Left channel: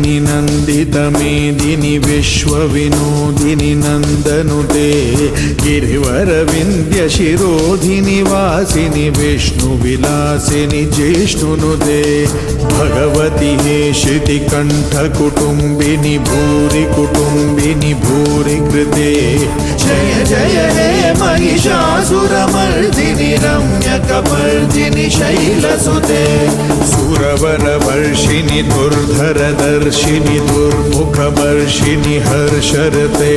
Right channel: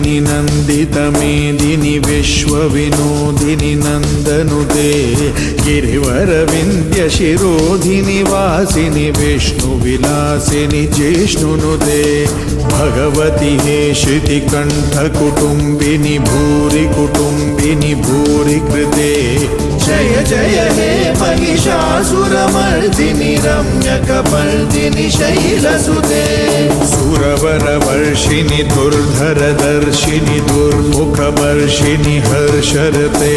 रूपिणि नन्दितमेदिनि विश्वविनोदिनि नन्दनुते गिरिवरविन्द्यशिरोधिनि वासिनि विष्णुविलासिनि जिष्णुनुते भगवति हे श्रुतिकण्ठकुटुम्बिनि भूरि कुटुम्बिनि भूरि कृते जय जय हे महिषासुरमर्दिनि रम्यकपर्दिनि शैलसुते सुरवरवर्षिणि दुर्धरदर्शिनि दुर्मुखवर्षिणि हर्षरते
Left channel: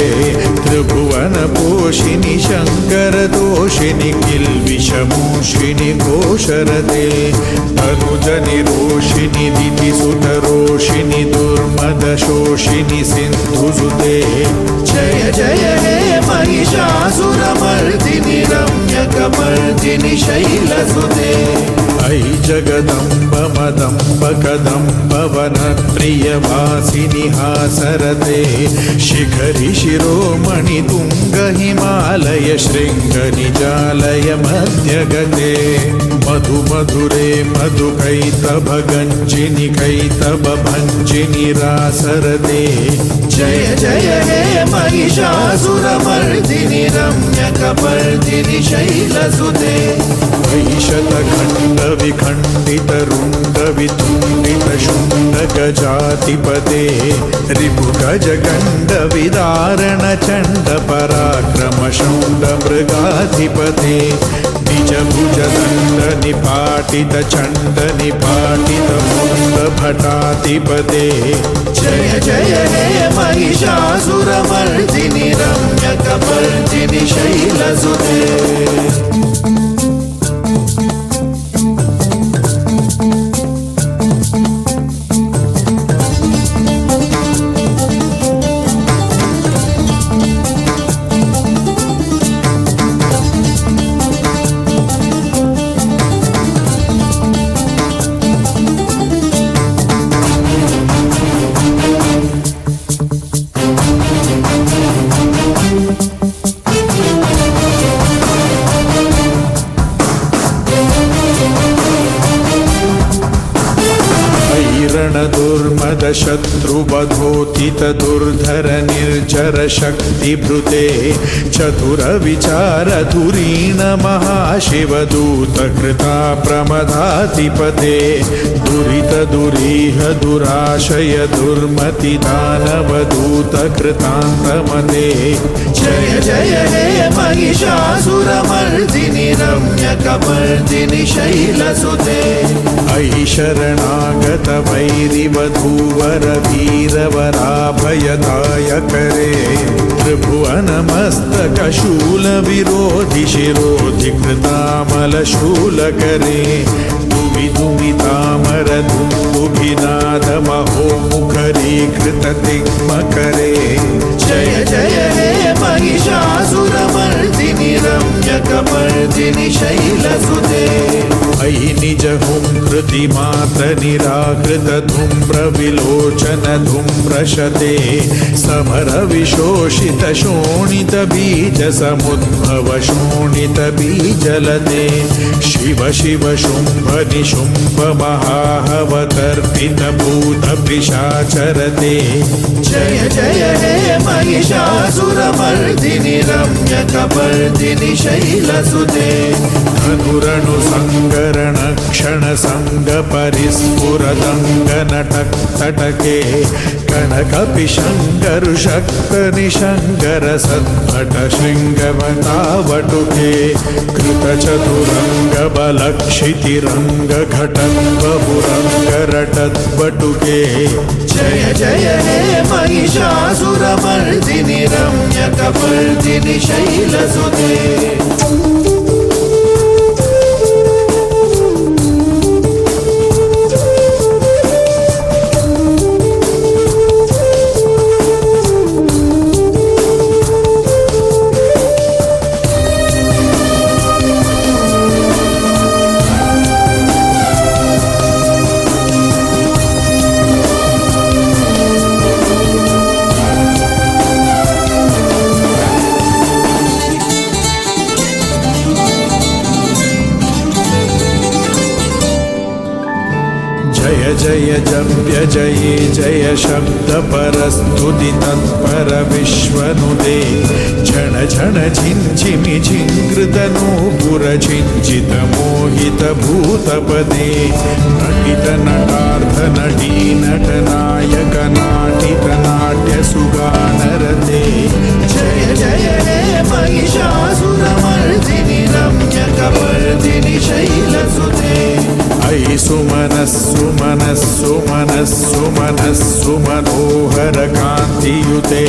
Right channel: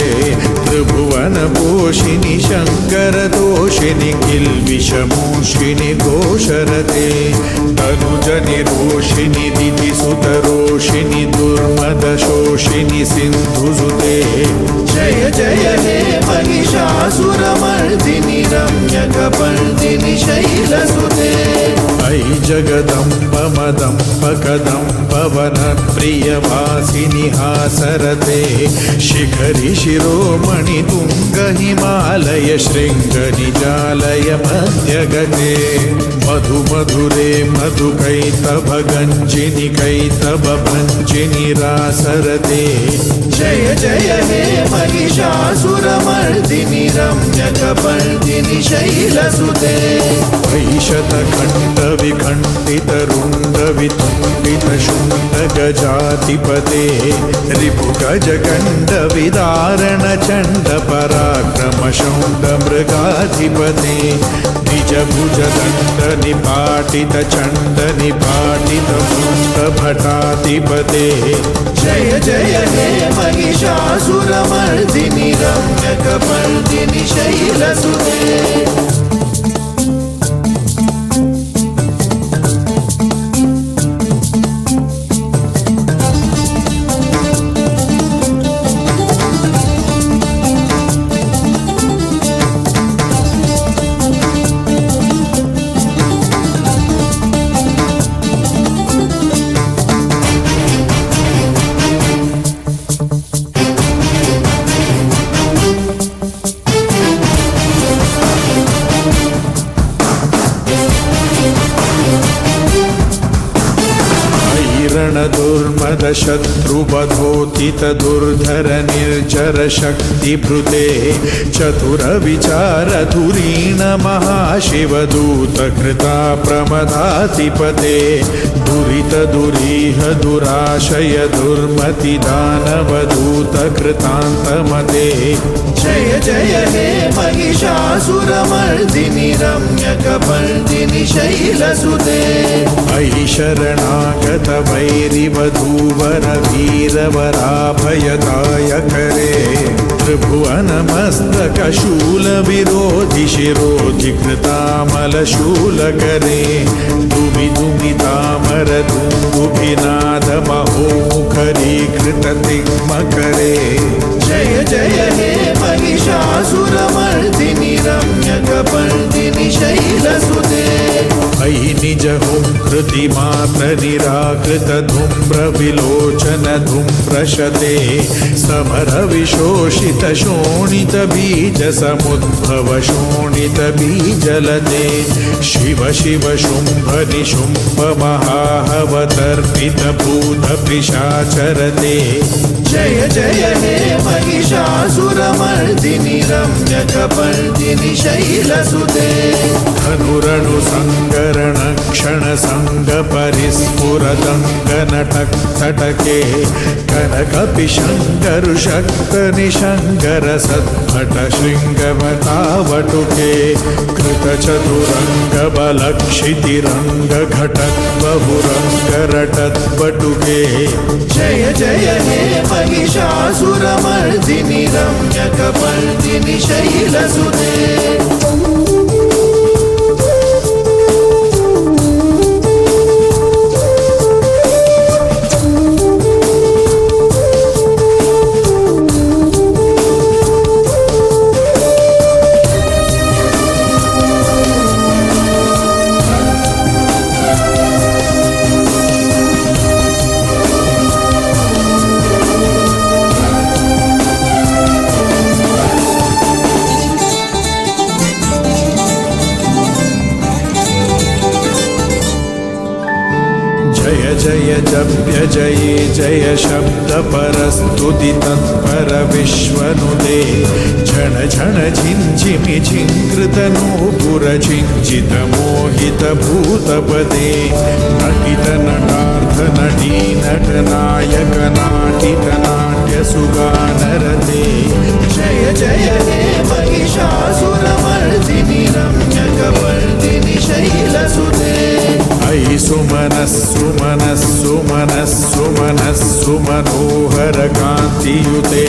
त्रिभुवनपोषिणि शङ्करदोषिणि किल्बिषमूषिणि घोषरते तनुजनिरोषिणि दितिसुतरोषिणि दुर्मदशोषिणि सिन्धुसुते जय जय हे महिषासुरमर्दिनि रम्यकपर्दिनि शैलसुते अयि जगदम्ब मदम्ब कदम्ब वनप्रियवासिनि हासरते शिखरि शिरोमणि तुङ्ग हिमालय शृङ्ग निजालय मध्यगते मधु मधुरे मधु कैतव गञ्जिनि कैतव भञ्जिनि रासरते जय जय हे महिषासुरमर्दिनि रम्यकपर्दिनि शैलसुते शतखण्ड विखण्डित रुण्ड वितुण्डित शुण्ड गजाधिपते त्रिभुज गण्ड विदारण चण्ड पराक्रम शौण्ड मृगाधिपते निजभुज दण्ड निपाटित चण्ड निपाटित मुण्ड भटाधिपते जय जय हे महिषासुरमर्दिनि रम्यकपर्दिनि शैलसुते दुर्मद शत्रुवधोतित दुर्धर निर्जर शक्तिभृते चतुर विचार धुरीन महाशिवदूत कृता प्रमदाधिपते दुरित दुरीह दुराशय दुर्मति दानवदूत कृतान्तमते जय जय हे महिषासुरमर्दिनि रम्यकपर्दिनि शैलसुते अयि शरणागत वैरिवधूवर वीरवराभयदायकरे त्रिभुवनमस्तकशूल विरोधि शिरोधि कृतामलशूलकरे दुवि दुमितामर दुन्दुभिनाद महोमुखरीकृत तिग्मकरे जय जय हे महिषासुरमर्दिनि रम्यकपर्दिनि शैलसुते अयि निज हुंकृति मात निराकृत धूम्र विलोचन धूम्रशते समर विशोषित शोणित बीज समुद्भव शोणित बीजलते शिव शिव शुंभ निशुंभ महावतर्पित भूत पिशाचरते जय जय हे महिषासुरमर्दिनि रम्यकपर्दिनि शैलसुते धनुरणु संगरण क्षण संग परिस्फुरदंग नटक तटके कनक पिशंकर शक्त निशंकर सत्पट शृंगवतावटुके कृत चतुरंग बलक्षिति रंग घटक बहुरंग रटत बटुके जय जय हे महिषासुरमर्दिनि रम्यकपर्दिनि शैलसुते जय जप्य जये जय शब्द परस्तुतितं परमेश्वनुदे झण झण झिञ्झिमि झिङ्कृतनूपुर झिञ्झितमोहितभूतपदे नटित नटार्थ नटी नटनायक नाटित नाट्यसुगानरते जय जय हे महिषासुरमर्दिनि रम्यकपर्दिनि शैलसुते अयि सुमनस्सु मनस्सु मनस्सु मनस्सु मनोहर कान्तियुते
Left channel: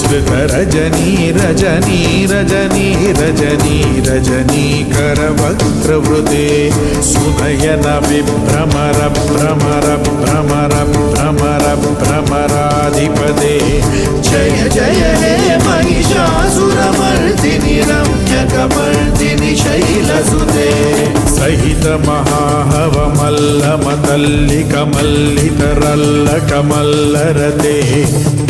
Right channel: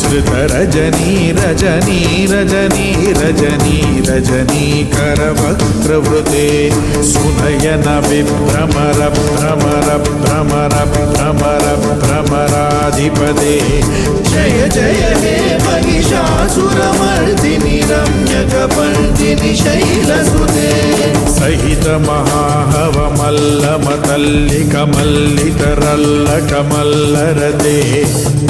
श्रुतरजनी रजनी रजनी रजनी रजनीकरवक्त्रवृते सुनयन विभ्रमर भ्रमर भ्रमर भ्रमर भ्रमराधिपते जय जय हे महिषासुरमर्दिनि रम्यकपर्दिनि शैलसुते सहित महाहव मल्लमतल्लिकमल्लितरल्लकमल्लरते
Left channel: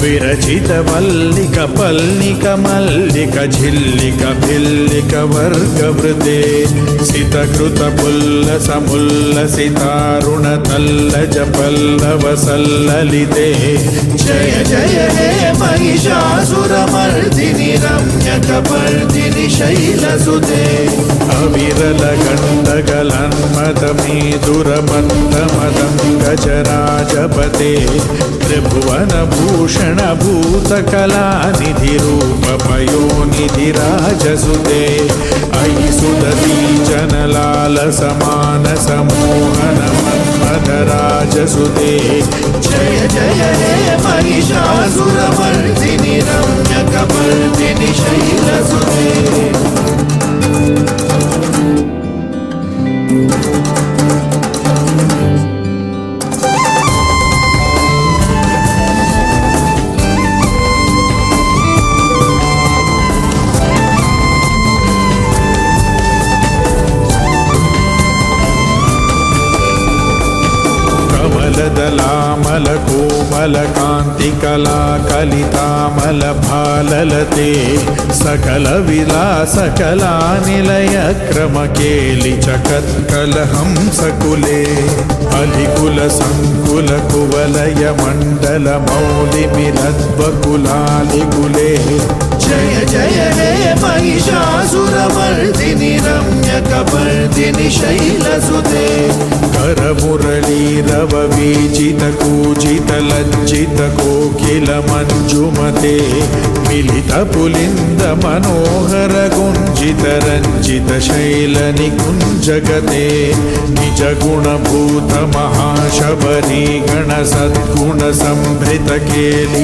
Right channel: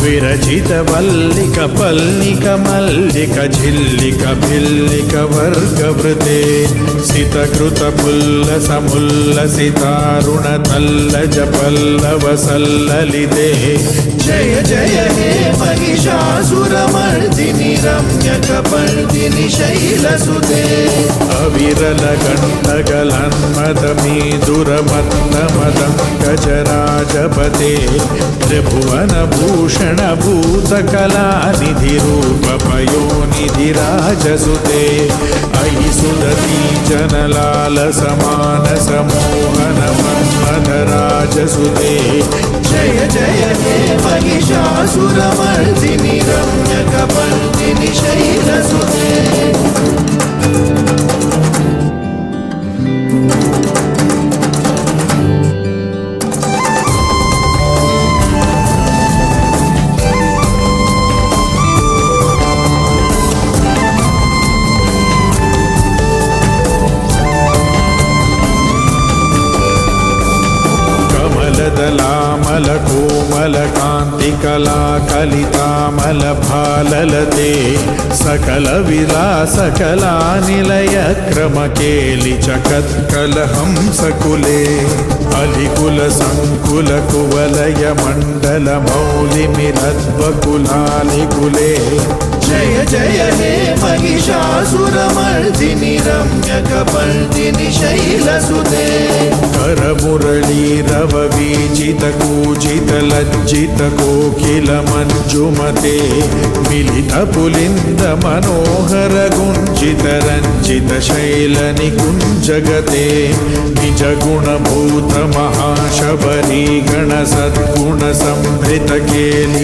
विरचित वल्लिक पल्लिक मल्लिक झिल्लिक भिल्लिक वर्गवृते सितकृत पुल्लस मुल्लसितारुण तल्लज पल्लव सल्ललिते जय जय हे महिषासुरमर्दिनि रम्यकपर्दिनि शैलसुते अविरल गण्डकलन्मदमीदुरमन्दमदं गजराजपते त्रिभुवनभूषण भूतकलानिधिरूपपयोनिधिराजसुते अयि सुदती जनलाल समान समोहन मन्मथराजसुते जय जय हे महिषासुरमर्दिनि रम्यकपर्दिनि शैलसुते कमलदलामलकोमलकान्तिकला कलितामलभाललते सकलविलासकलानिलय क्रमकेलिचकत्कलहंसकुले बलिकुलसङ्कुलकुवलय मण्डलमौलिमिरद्वकुलानिकुले जय जय हे महिषासुरमर्दिनि रम्यकपर्दिनि शैलसुते करमुरलीरव बीजित कूजित लज्जित कोकिल मंजुमते मिलित पुलिंद मनोहर गुंजित रंजित शैल निकुंजगते निज गुणभूत महाशबरी गण सद्गुण संभृत केलि